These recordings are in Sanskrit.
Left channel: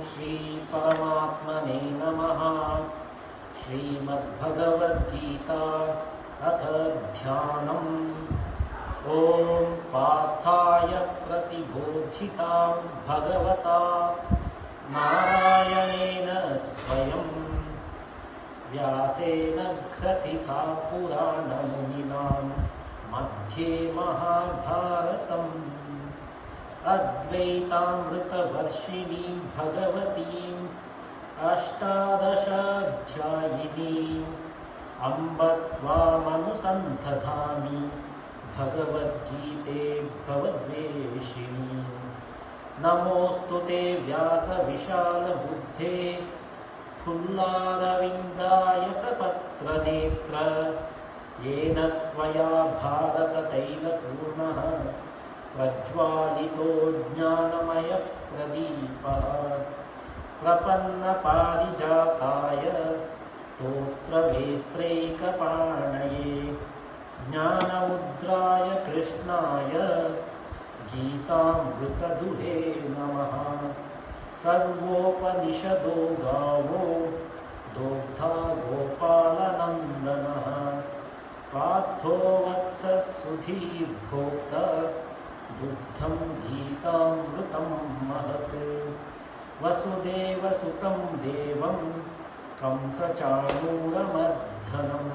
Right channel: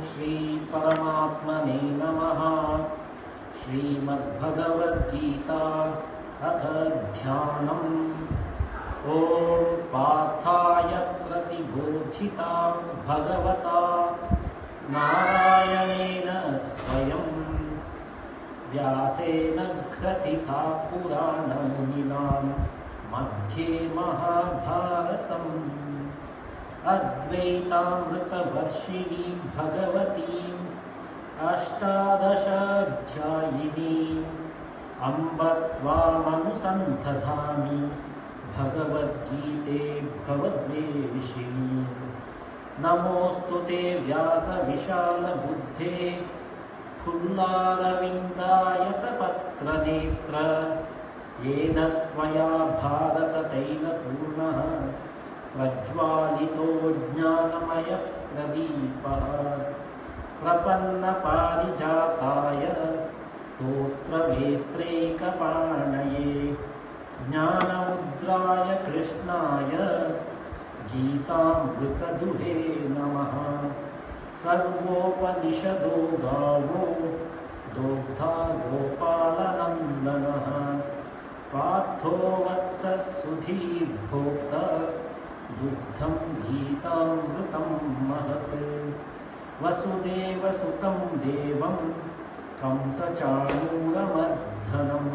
श्री परमात्मने नमः। श्रीमद्भगवद्गीता अथ ध्यानम्। ॐ पार्थाय प्रतिबोधितां भगवता नारायणेन स्वयं व्यासेन ग्रथिता पुराणमुनिना मध्ये महाभारतम्। अद्वैतामृतवर्षिणीं भगवतीम् अष्टादशाध्यायिनीम् अम्ब त्वामनुसन्धधामि भगवद्गीते भवद्वेषिणी। नमोऽस्तु ते व्यासविशालबुद्धे फुल्लारविन्दायतपत्रनेत्र। येन त्वया भारततैलपूर्णः प्रज्वालितो ज्ञानमयः प्रदीपः। प्रपन्नपारिजाताय स्तोत्रवेत्रैकपाणये ज्ञानमुद्राय कृष्णाय गीतामृतदुहे नमः। सर्वोपनिषदो गावो दोग्धा गोपालनन्दनः। पार्थो वत्सः सुधीर्भोक्ता दुग्धं गीतामृतं महत्। वसुदेवसुतं देवं कंसचाणूरमर्दनं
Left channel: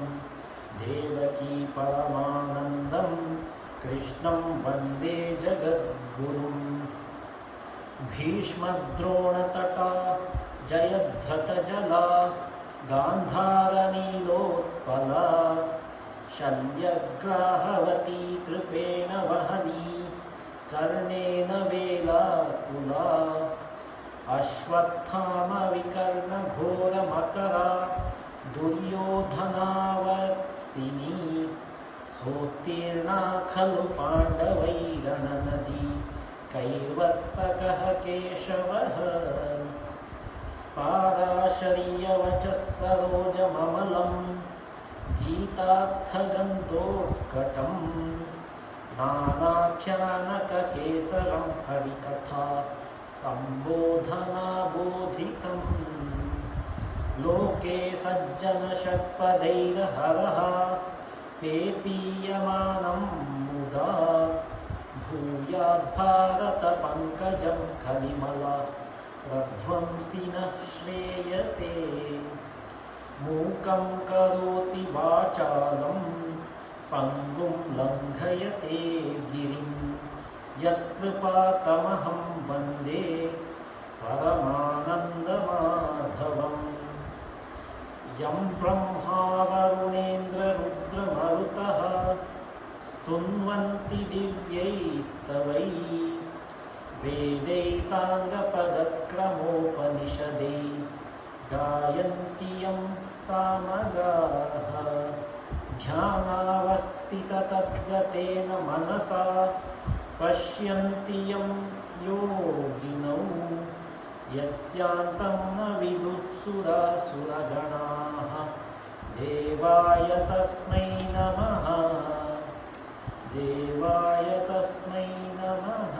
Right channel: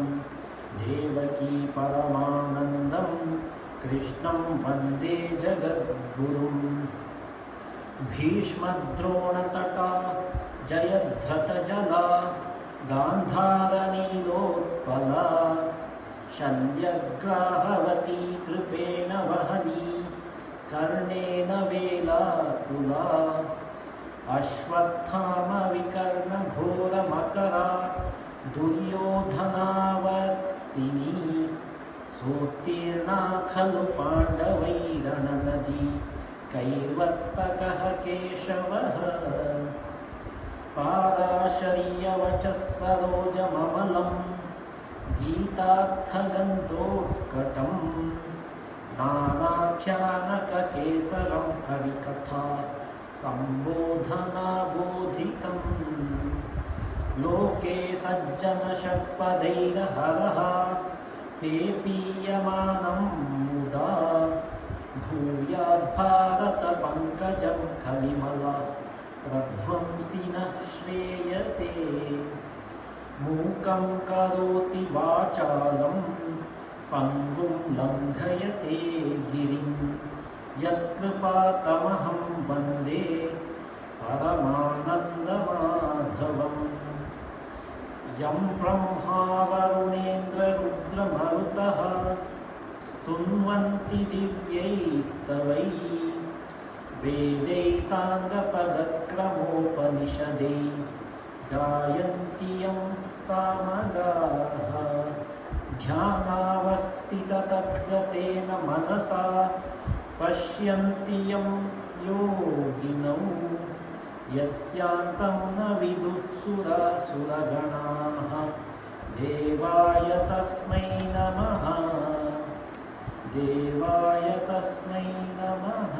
देवकी परमानन्दं कृष्णं वन्दे जगद्गुरुम्। भीष्मद्रोणतटा जयद्रथजला गान्धारनीलोत्पला शल्यग्राहवती कृपेण वहनी कर्णेन वेलाकुला। अश्वत्थामविकर्णघोरमकरा दुर्योधनावर्तिनी सोत्तीर्णा खलु पाण्डवैरणनदी कैर्वर्तकः केशवः। पाराशर्यवचः सरोजममलं गीतार्थगन्धोत्कटम् नानाख्यानककेसरं हरिकथा सम्बोधनाबोधितम्। लोके सज्जनषट्पदैर्हरः पेपीयमानं मुदा भूयाद्भारतपङ्कजं कलिमला प्रध्वंसि नः श्रेयसे। मूकं करोति वाचालं पङ्गुं लङ्घयते गिरिं यत्कृपातमहं वन्दे परमानन्दमाधवम्। यं ब्रह्मा वरुणेन्द्ररुद्रमरुतः स्तुन्वन्ति दिव्यैस्तवैः वेदैः साङ्गपदक्रमोपनिषदैः गायन्ति यं सामगाः। ध्यानावस्थिततद्गतेन मनसा पश्यन्ति यं योगिनौ यस्यान्तं न विदुः सुरासुरगणाः। देवाय तस्मै नमः, देवाय तस्मै नमः।